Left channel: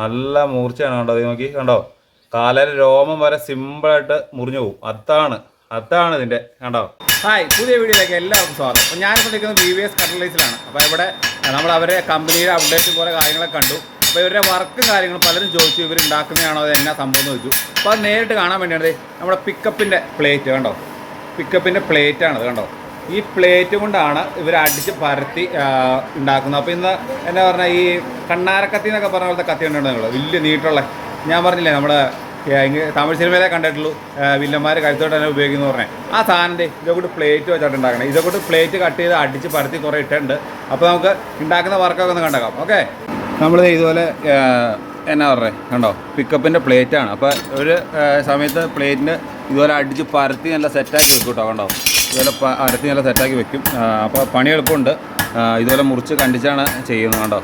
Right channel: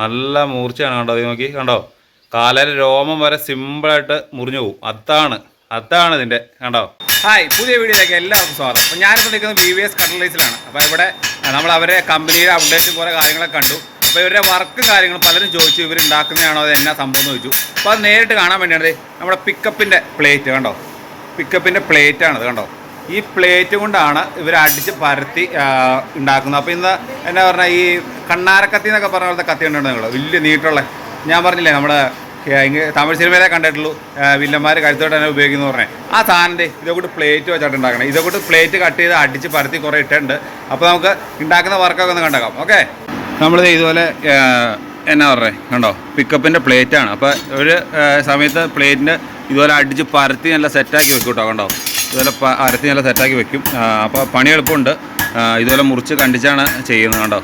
നല്ല മൂർച്ചയാണ് കണ്ടോ? അത് നോക്കി കണ്ടോ? കാലയിൽ രോമം വരെ സിമ്പിളായിട്ട് മുറിഞ്ഞു പോകും അതാണ് അതാണ് ഇതിന്റെ കണ്ടോ? ഹായ് പുതിയ വീഡിയോയിലേക്ക് എല്ലാവർക്കും സ്വാഗതം. അപ്പോൾ ഞാനിപ്പോൾ നിൽക്കുന്നത് ബി വി എസ് കട്ടലൈസിലാണ് അപ്പോൾ ഇവിടെ നമ്മൾ അവരെ കമ്പനിയുടെ അപ്ഡേറ്റും കുറേ കാര്യങ്ങളൊക്കെ കണ്ടു. അപ്പോൾ ഇവരുടെ വർക്കും കാര്യങ്ങളും പലരും ചോദിച്ചു ഇവർ ഉണ്ടാക്കുന്നതാണോ അത് എന്നാ സംഭവം എന്ന് ചോദിച്ചു. അപ്പോൾ അത് നേരിട്ട് കാണാൻ വേണ്ടിയാണ് നമ്മുടെ പിക്കപ്പിന്റെ പ്ലേറ്റ് കണ്ടോ? പിക്കപ്പിന്റെ പ്ലേറ്റ് ആണത് കണ്ടോ? ഈ പ്ലേറ്റ് കൊണ്ടാണ് ഇവർ അടിച്ച് പരത്തി ഉണ്ടാക്കുന്നത്. അപ്പോൾ ഇന്ന് എന്നാ പറഞ്ഞാൽ ഈ കണ്ണാരക്കത്തി എന്നൊക്കെ പറഞ്ഞ പോലത്തെ കത്തി ഉണ്ടോ നിങ്ങൾ വലിയ നീട്ടുള്ള ഞാൻ പറഞ്ഞില്ലേ നമ്മുടെ തമിഴ് സിനിമയിലെ കണ്ടിട്ടുള്ളൂ. വില്ലന്മാർ കരുത്തോട്ട് തന്നെ ഉപയോഗിക്കുന്നു പറഞ്ഞേ. ആ സാധനത്തെ ഇതേക്കൂട്ട് പ്ലേറ്റ് വെച്ചിട്ട് ഉണ്ടാക്കണം. ഇതേക്കൂട്ട് പ്ലേറ്റ് കട്ട് ചെയ്ത് അടിച്ച് പരത്തി കുറേ ഇട്ടുണ്ട് അപ്പോൾ നമുക്ക് ഉണ്ടാക്കുന്ന വർക്കൊക്കെ ഒന്ന് കണ്ടേക്കാം. ഓക്കെ നമ്മളിത് ഇതുപോലെ എന്നാ പറഞ്ഞേ? കണ്ടോ? പിക്കപ്പിന്റെ പ്ലേറ്റാണ് അപ്പോൾ ഒരു സമയത്ത് പ്ലേറ്റിന്റെ ഇതുപോലെ അടിച്ച് പരത്തി നല്ല സെറ്റാക്കി വെക്കും കേട്ടോ കണ്ടോ? ഇതുപോലെ അരത്തി നല്ല സെറ്റാക്കി വെക്കും. അപ്പോൾ പണി എളുപ്പമുണ്ട്. ഇതുപോലെ മുറിച്ച് കണ്ടിച്ചാണ് ചെയ്യുന്നത് കണ്ടോ?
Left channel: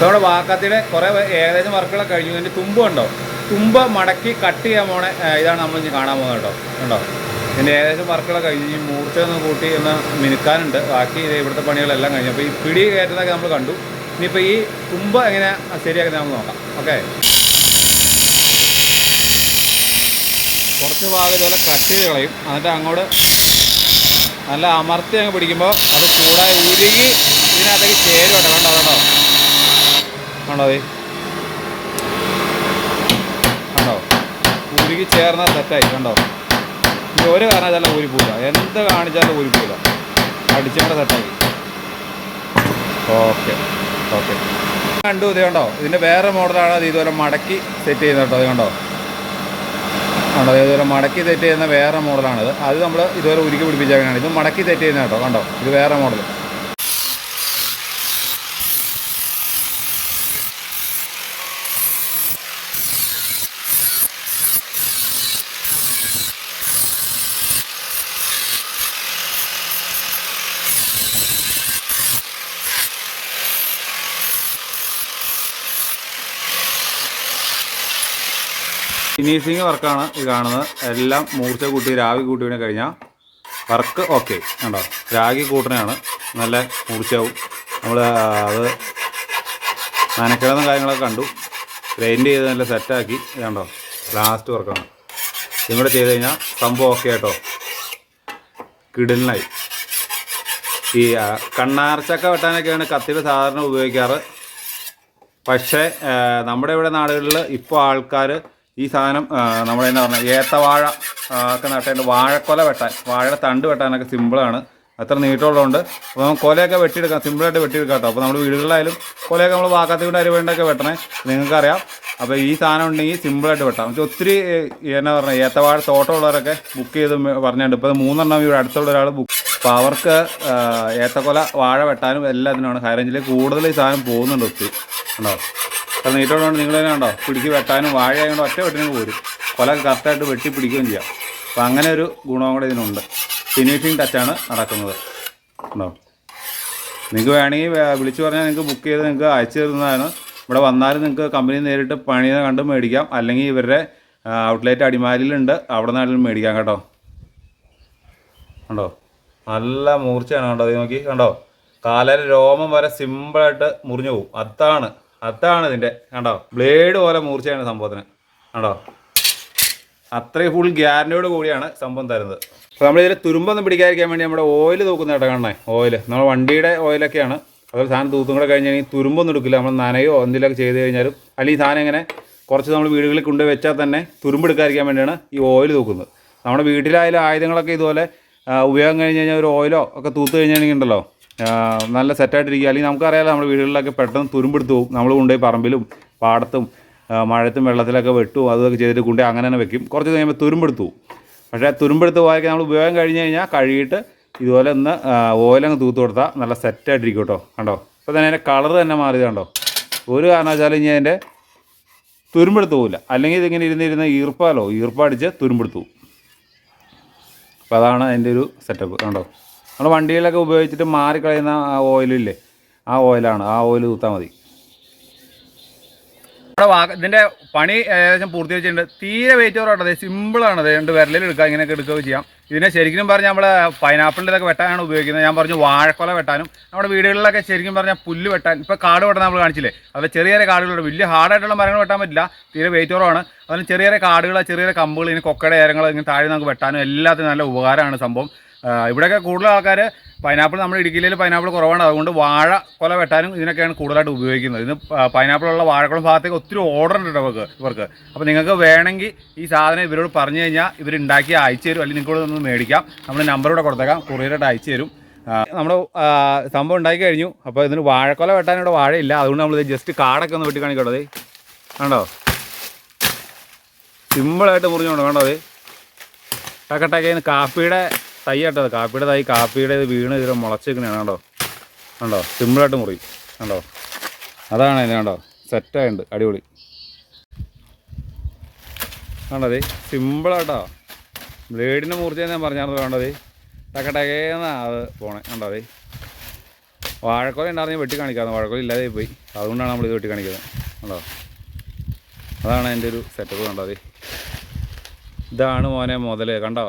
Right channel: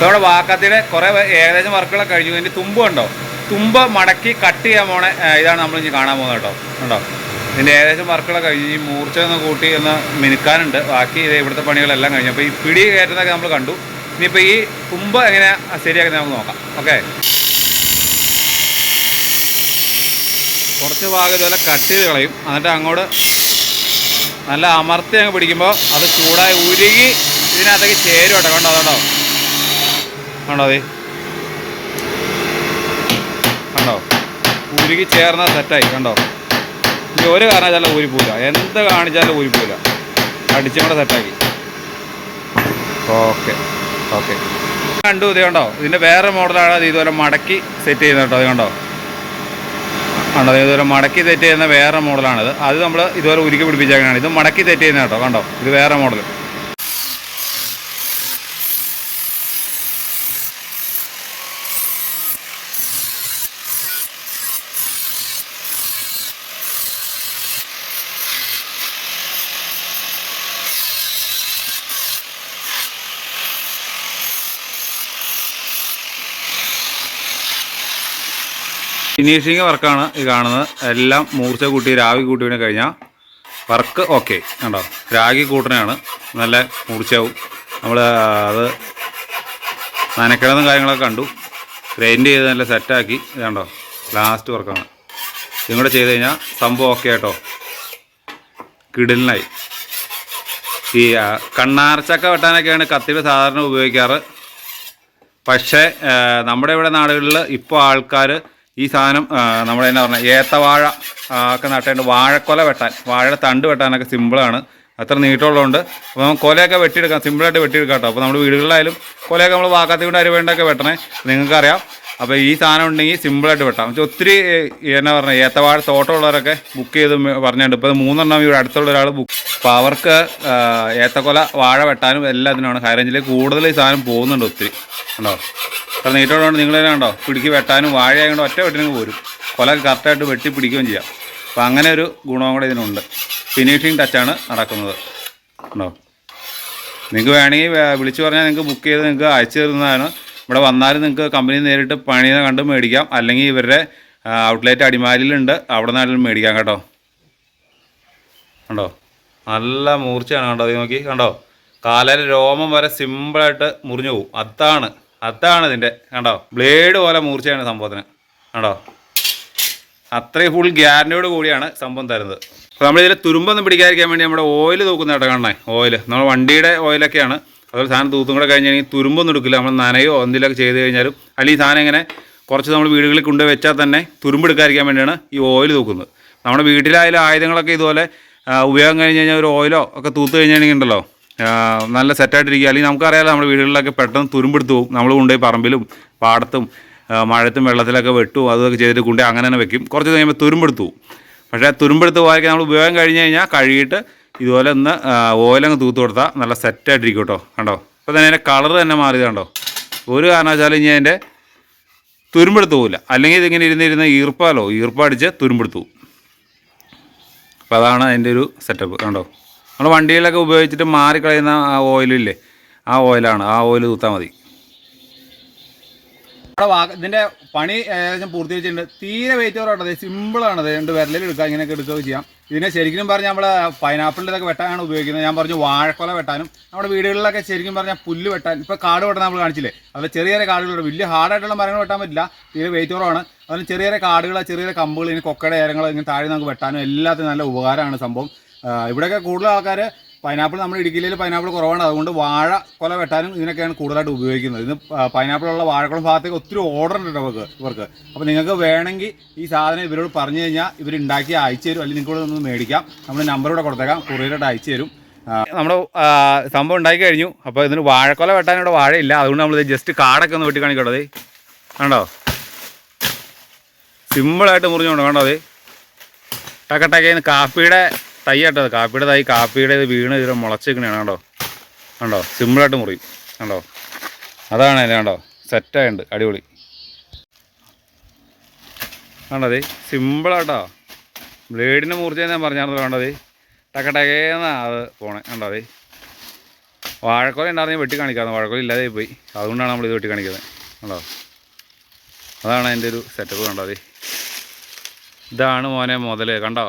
നമ്മുടെ വാക്കത്തിന് കുറേ ഏകദേശം വർക്കുകളൊക്കെ കഴിഞ്ഞു. ഇതിന്റെ തുമ്പ് കണ്ടോ? തുമ്പ് മടക്കി കട്ട് ചെയ്യാൻ പോണ ഇതാണ് നമ്മൾ ഇനി കാണാൻ പോകുന്നത് കേട്ടോ. കണ്ടോ? ഇതിന്റെ ഏകദേശം വർക്കുകളൊക്കെ കഴിഞ്ഞ്. ഈ മൂർച്ച ഒന്ന് കൂട്ടി ഒന്ന് മിനുക്കാനുണ്ട്. ബാക്കി ഇത് ഇവിടുത്തെ പണികളെല്ലാം കഴിഞ്ഞു. അപ്പോൾ ഈ പിടി കയറ്റുന്നതൊക്കെ നമ്മൾ കണ്ടു. ഇനിയിപ്പോൾ ഈ തുമ്പ് എങ്ങനെ ശരിയാക്കുന്നത് നമുക്ക് നോക്കാം. ഓക്കെ? കുറച്ച് ഭാഗം ഇതുപോലെ കട്ട് ചെയ്ത് കളയും. എന്നിട്ട് അങ്ങോട്ട് നല്ല അമർത്തി അങ്ങ് പിടിക്കുമ്പോൾ അത് ചൂടായി ഉരുകി ഇതിനകത്തേക്ക് ചേരും കേട്ടോ. കണ്ടോ? അതുണ്ടോ കണ്ടോ അതേ? കണ്ടോ ഉരുകി ചേർന്ന സെറ്റായി കണ്ടോ? ഇനി ഒരു കാരണവശാലും ഊരി പോവില്ല. എന്ത് കാണിച്ചാലും ഊരി പോവില്ല. അടിച്ചും കൂടെ സെറ്റാക്കി ഓക്കെ ഓക്കെ. കണ്ടു ഇത് കണ്ടോ? ഇതിന്റെ വേറെ മോഡലാണ് അത് ഇതുപോലെ മടക്കി സെറ്റ് ചെയ്യുന്നത് കേട്ടോ അത് കണ്ടോ? കണ്ടോ? ഇത് ഇതുപോലെ മടക്കി സെറ്റ് ചെയ്യുന്ന വേറെ മോഡലാണിത്. അത് നമ്മൾ ഇതുപോലെ ഉരുക്കി പിടിപ്പിച്ചേക്കാണ് ഇത് മടക്കി സെറ്റ് ചെയ്യുന്ന കേട്ടോ കണ്ടോ? ഇത് വേറെ മോഡൽ ഫിനിഷിങ് വർക്കാണ് ഇത് കാണുന്നത്. എല്ലാം മൂർച്ച കൂട്ടി രാഗി കൂട്ടിവിനെ കഴിഞ്ഞാൽ വർക്ക് ഓക്കെ കണ്ടോ? രാഗി കൂട്ടനാണ് നല്ല മൂർച്ചയാവും. നമ്മൾ അത് നനക്കിടന്നും കാര്യങ്ങളൊക്കെ കണ്ടു. ഗ്രൈൻഡ് ചെയ്ത് നല്ല സെറ്റാക്കി ഇത് കണ്ടോ? ലാസ്റ്റ് വർക്കാണ് കൂടെ ചെയ്ത് കഴിഞ്ഞാൽ സംഭവം ഓക്കെ കേട്ടോ കിടലിനായി. ഈ കണ്ണാർച്ചക്ക വെട്ടാനൊക്കെയാണ് കത്തികൾ സാധാരണ ഉപയോഗിക്കാറ്. പക്ഷേ നമ്മുടെ ഇവിടെ നാടുകളിൽ ഇപ്പോൾ ആൾക്കാർ ഈ സാധനം നമ്മൾ എന്നാ പറഞ്ഞാൽ ഏത്തവാഴ ഒക്കെ നട്ടേണ്ട. വാഴക്കൊല വെട്ടാൻ വാഴയുടെ തണ്ട് വെട്ടാനൊക്കെ സിമ്പിളാണ് അത്ര നീട്ടമുള്ളതുകൊണ്ട് അപ്പോൾ നമുക്ക് കൊലയൊക്കെ വെട്ടിയെടുക്കാം. സിമ്പിളായിട്ട് വെട്ടിയെടുക്കാം കേട്ടോ. അപ്പോൾ നമ്മൾ വീടുകളിലായാലും കൊലയൊക്കെ നമ്മൾ വാക്കാത്തി കൊണ്ട് അരിവേണ്ടൊക്കെ വെട്ടണേ. നിങ്ങൾക്കറിയാം. അപ്പോൾ ഈ സാധനം ഉണ്ടെങ്കിൽ സിമ്പിളായിട്ട് വെട്ടാം. പക്ഷേ ഒത്തിരി എന്നാ പറഞ്ഞാൽ ഏത്തവാഴ തോട്ടമുള്ളവരൊക്കെ ബുക്ക് ചെയ്ത് പറഞ്ഞിട്ടുണ്ട്. ഇപ്പോൾ മൂന്നെണ്ണം ഇവിടെ അടുത്തുള്ള ഒരാൾ ബുക്ക് അപ്പോൾ അവർക്ക് ഏത്തക്കൊല വാഴ വെട്ടാനും എല്ലാത്തിനുമാണ് ഹൈറേഞ്ചിലേക്ക് കൂടുതൽ ഈ സാധനം പോകുന്നുണ്ട് ഒത്തിരി. ഉണ്ടോ അത്ര നീട്ടോടുകൊണ്ട് നിങ്ങൾ തന്നെ കണ്ടോ? പിടിക്ക് വെട്ടാനും വാഴ ആയതുകൊണ്ട് ഒറ്റ വെട്ടിനും പോരും. കൊല കറക്റ്റായിട്ട് വെട്ടി പിടിക്കുകയും ചെയ്യാം. അപ്പോൾ അങ്ങനെ ഒരു ഗുണവും കൂടെ ഇതിനുണ്ട്. ഫിനിഷിങ് ടച്ചാണ് നടക്കുന്നത്. ഉണ്ടോ? നിങ്ങൾക്ക് വേണമെങ്കിൽ വിളിച്ചു പറഞ്ഞാൽ നിങ്ങൾക്ക് ബുക്ക് ചെയ്ത് നിങ്ങൾക്ക് അയച്ചു തരുന്നതാണ്. ഇവിടെ വന്നാലും നിങ്ങൾക്ക് കമ്പനി നേരിട്ട് പണി കണ്ട് മേടിക്കാം. അല്ലെങ്കിൽ ഇവരുടെ ഔട്ട്ലെറ്റ് അടിമാലിയിലുണ്ട്. അവിടെ നിന്നാലും മേടിക്കാം കേട്ടോ. കണ്ടോ? നല്ല മൂർച്ചയാണ് കണ്ടോ? അത് നോക്കി കണ്ടോ? കാലയിൽ രോമം വരെ സിമ്പിളായിട്ട് മുറിഞ്ഞു പോകും. അതാണ് അതാണ് ഇതിന്റെ കണ്ടോ? ബ്ലേഡ് പോലെ മൂർച്ചയാണ് സംഭവത്തിന്. കണ്ടോ? അത്രയും ഫുൾ ഗ്യാരന്റിയോട് കൂടിയാണ് സംഭവം തരുന്നത്. അപ്പോൾ നമ്മളിതിൽ തുരുമ്പൊന്നും പിടിക്കാതിരിക്കാൻ വേണ്ടി നമ്മുടെ ഓയിൽ തൂക്കുന്ന കേട്ടോ കാണണേ? ഓയിൽ നമ്മൾ വണ്ടിയുടെ ഓയിലൊക്കെയാണ് അതുപോലെ സാധനം തൂത്തും കൂടെ കഴിഞ്ഞ് കഴിഞ്ഞാൽ തുരുമ്പൊന്നും എടുക്കില്ല. നമ്മൾ നനയോ എന്തെങ്കിലുമൊക്കെ ചെയ്ത് കഴിഞ്ഞാലും അല്ലെങ്കിൽ സാധനം ഇങ്ങനെ കുറച്ച് നമ്മൾ വീടുകളിൽ കൊണ്ടുവച്ചാൽ വെച്ചാൽ തന്നെ തുരുമ്പെടുക്കാതിരിക്കാൻ വേണ്ടിയാണ് ഈ ഓയിൽ തൂക്കുന്നത്. നമ്മുടെ വീട്ടിലായാലും ആയുധങ്ങളൊക്കെ ഇതുപോലെ ഉപയോഗം കഴിഞ്ഞ് കഴിഞ്ഞാൽ ഒരു ഓയിലോ ഒക്കെ തൂത്ത് ആ, നല്ല സെറ്റായിട്ടിരിക്കുക അല്ലെങ്കിൽ നമുക്കറിയാലോ നമ്മുടെ വീടുകളിലൊക്കെ പെട്ടെന്ന് തുരുമ്പെടുത്ത് പോകും. നമ്മൾ കൊണ്ടുപോയി പറമ്പിലും പാടത്തും മഴത്തും വെള്ളത്തിലൊക്കെ വെട്ടും അതൊക്കെ ചെയ്തിട്ട് കൊണ്ടുപോയി അങ്ങനെ തന്നെ വെക്കും. കുറച്ച് കഴിയുമ്പോൾ തുരുമ്പെടുത്ത് പോകും. പക്ഷേ തുരുമ്പെടുത്ത് പോയാൽ നമ്മൾ ഉപയോഗം കഴിഞ്ഞ് കഴിഞ്ഞാൽ കഴുകിയിട്ട് ഇതുപോലെ ഒന്ന് ഓയിലങ്ങ് തൂത്ത് കൊടുത്താൽ നല്ല സെറ്റായിട്ടിരിക്കും കേട്ടോ. കണ്ടോ? അപ്പോൾ തന്നെ അതിന്റെ കളർ തന്നെ മാറിയത് കണ്ടോ? ഒരു കാരണവശാലും ഇനി അതിന്റെ തുരുമ്പെടുത്ത് പോകില്ല അല്ലെങ്കിൽ ഇതിങ്ങനെ ഇരുന്നിരുന്ന് ഈർപ്പാലോ ഈർപ്പടിച്ച് തുരുമ്പെടുത്തു പോകും അപ്പോൾ അതാണ് അതിന്റെ ഒരു സെറ്റപ്പ് കണ്ടോ? നമ്മൾ വണ്ടിയിലൊക്കെ ഉപയോഗിച്ചിട്ട് മാറിക്കളയുന്ന ആ ഓയിലില്ലേ? ആ ഓയിലാണ്. ആ ഓയിൽ തൂത്താൽ മതി. നമ്മുടെ വാ ഇതിന്റെ പണി ഏകദേശം പൂർത്തി വെച്ചിട്ടുണ്ട് തീരെ വെയിറ്റ് കുറവാണ് സിമ്പിളാണ് അത് രണ്ട് വിരലിൽ എടുക്കുക ഇങ്ങനെയൊക്കെ എടുക്കുകയൊക്കെ ചെയ്യാം. ഇതിനെ ശരിക്കും പറഞ്ഞാൽ നമ്മൾ പൈനാപ്പിളിന്റെ ഇതൊക്കെ വെട്ടാനാണ് ഉപയോഗിക്കുന്നത്. ഞാൻ പറഞ്ഞു വാഴക്കൊല വെട്ടാനും നമ്മുടെ വീടുകളിലൊക്കെ ശരിക്കും പറഞ്ഞാൽ പുല്ല് വെട്ടാൻ. ഇപ്പോൾ കാട് വെട്ടാൻ നമ്മൾ കാണിച്ചില്ലേ? അതുപോലെ ചെറിയ ചെറിയ കാടുകളുണ്ട്. വലിയ ഹാർഡായിട്ടുള്ള മരങ്ങൾ വെട്ടാൻ പറ്റില്ല. തീരെ വെയിറ്റ് കുറവാണ്. അതിന് ചെറിയ ചെറിയ കാടുകൾ ചെറിയ കമ്പുകൾ ഇനി കൊക്കയുടെ ഏരങ്ങൾ ഇങ്ങനെ താഴെ നമുക്ക് വെട്ടാനും എല്ലാത്തിനും നല്ല ഉപകാരമാണ് സംഭവം. ഇവിടെയൊക്കെ കൂടുതൽ ആൾക്കാർ പൈനാപ്പിൾ നമ്മൾ ഇടുക്കിയിൽ പൈനാപ്പിൾ കുറവാണ്. അതുകൊണ്ട് വാഴ കൊല വെട്ടാനും ഇതിനൊക്കെയാണ് കൂടുതലായിട്ട് ഉപയോഗിക്കുന്നത്. ഇന്ന് പൈനാപ്പിളുള്ള വാഴക്കുളം ഭാഗത്തേക്ക് ഒത്തിരി ഓർഡർ ഉണ്ട് നമുക്ക് ഇവർക്ക് അപ്പോൾ നിങ്ങൾക്ക് വേണമെങ്കിൽ ഈ സാധനം ഇവരോട് പറഞ്ഞു കഴിഞ്ഞാൽ ഇവർ ഉണ്ടാക്കി അയച്ചു തരും. അല്ലെങ്കിൽ നിങ്ങൾക്ക് ഒന്ന് മേടിക്കാം. നമ്മൾ നമ്പർ ഇവിടെ കൊടുത്തേക്കാം. കുറിയറായിട്ട് അയച്ചു തരും. നമ്മുടെ സംഭവം ഉണ്ടാക്കി കഴിഞ്ഞു. അപ്പോൾ ഇതിന് വാഴക്കൊല വെട്ടാൻ ഇവിടെ വാഴയില്ല. അതുകൊണ്ട് നമ്മൾ ജസ്റ്റ് കാടൊക്കെ ഒന്ന് വെട്ടി കാണിക്കട്ടോ അതേ കണ്ടോ? സിമ്പിളായിട്ട് മുറിഞ്ഞുകൊണ്ട് കണ്ടോ അത് ടക്കട്ടക്കേന്ന് കാപ്പിയുടെ തൈ അത്. കാപ്പിയുടെ തൈ കാപ്പിയുടെ വീണ് ഇതിൽ മുളച്ചിരിക്കണതാണ് കണ്ടോ? കണ്ടോ? സിമ്പിളായിട്ട് മുറിയും കണ്ടോ? അതാണ് അതിന് കണ്ടോ? സെറ്റായുണ്ട് അടിപൊളി. കണ്ടത് സിമ്പിളാട്ടോ ബ്ലേഡിന്റെ മൂർച്ച ഞാൻ പറഞ്ഞാണല്ലോ കണ്ടത് ടക്ക ടക്കട്ടക്കേന്നാ അത് പോണേ. കണ്ടോ അത് വാഴക്കോല ഉണ്ടായിരുന്നു വെട്ടി കാണിക്കാതെ വാഴക്കോല ഇല്ലാതെ പോയി. അതുകൊണ്ടാണ് നമ്മൾ ഇത് വെട്ടി കാണിക്കുന്നത്. കണ്ടോ? അതാണ് അതിന്റെ ഒരു സെറ്റപ്പ് കണ്ടോ ഇതാണ് മോനെ മുതൽ കണ്ടോ?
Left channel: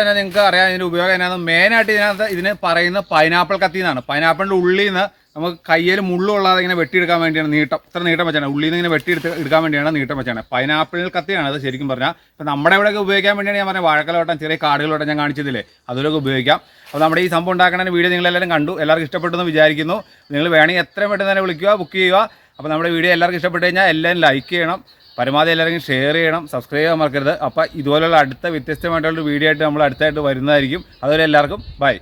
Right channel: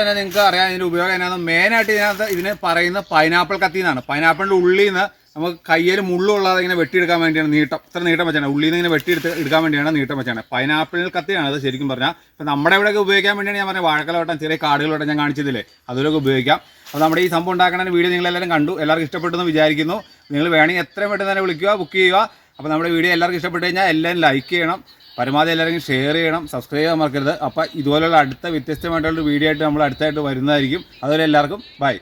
തന്നെ നിങ്ങൾക്ക് അറിയാം ഇതിന്റെ ഉപയോഗം എന്നാന്ന്. മെയിനായിട്ട് ഇതിനകത്ത് ഇതിന് പറയുന്ന പൈനാപ്പിൾ കത്തി എന്നാണ് പൈനാപ്പിളിന്റെ ഉള്ളിൽ നിന്ന് നമുക്ക് കയ്യിൽ മുള്ളുള്ളതെ ഇങ്ങനെ വെട്ടിയെടുക്കാൻ വേണ്ടിയാണ് നീട്ടം. ഇത്ര നീട്ടം വെച്ചാണ്. ഉള്ളിൽ നിന്ന് ഇങ്ങനെ വെട്ടിയെടുത്ത് എടുക്കാൻ വേണ്ടിയാണ് നീട്ടം വെച്ചാണ്. പൈനാപ്പിൾ കത്തിയാണ് അത് ശരിക്കും പറഞ്ഞാൽ. ഇപ്പം നമ്മുടെ ഇവിടെയൊക്കെ ഉപയോഗിക്കാൻ വേണ്ടിയാണ് ഞാൻ പറഞ്ഞ വാഴക്കലോട്ടം ചെറിയ കാടുകളോട്ടം ഞാൻ കാണിച്ചതില്ലേ? അതിലൊക്കെ ഉപയോഗിക്കാം. അപ്പോൾ നമ്മുടെ ഈ സംഭവം ഉണ്ടാക്കുന്ന വീഡിയോ നിങ്ങളെല്ലാവരും കണ്ടു. എല്ലാവർക്കും ഇഷ്ടപ്പെട്ടെന്ന് വിചാരിക്കുന്നു. നിങ്ങൾ വേണമെങ്കിൽ എത്രയും പെട്ടെന്ന് തന്നെ വിളിക്കുക ബുക്ക് ചെയ്യുക. അപ്പോൾ നമ്മുടെ വീഡിയോ എല്ലാവർക്കും ഇഷ്ടപ്പെട്ട് കഴിഞ്ഞാൽ എല്ലാവരും ലൈക്ക് ചെയ്യണം. പരമാവധി എല്ലാവരും ഷെയർ ചെയ്യണം സബ്സ്ക്രൈബ് ചെയ്യാൻ മറക്കരുത്. അപ്പോൾ ഇതുപോലുള്ള അടുത്ത വ്യത്യസ്തമായിട്ടുള്ള വീഡിയോ ആയിട്ട് നമ്മൾ അടുത്തായിട്ട് വരുന്നതായിരിക്കും. അതുവരെ എല്ലാവർക്കും ബൈ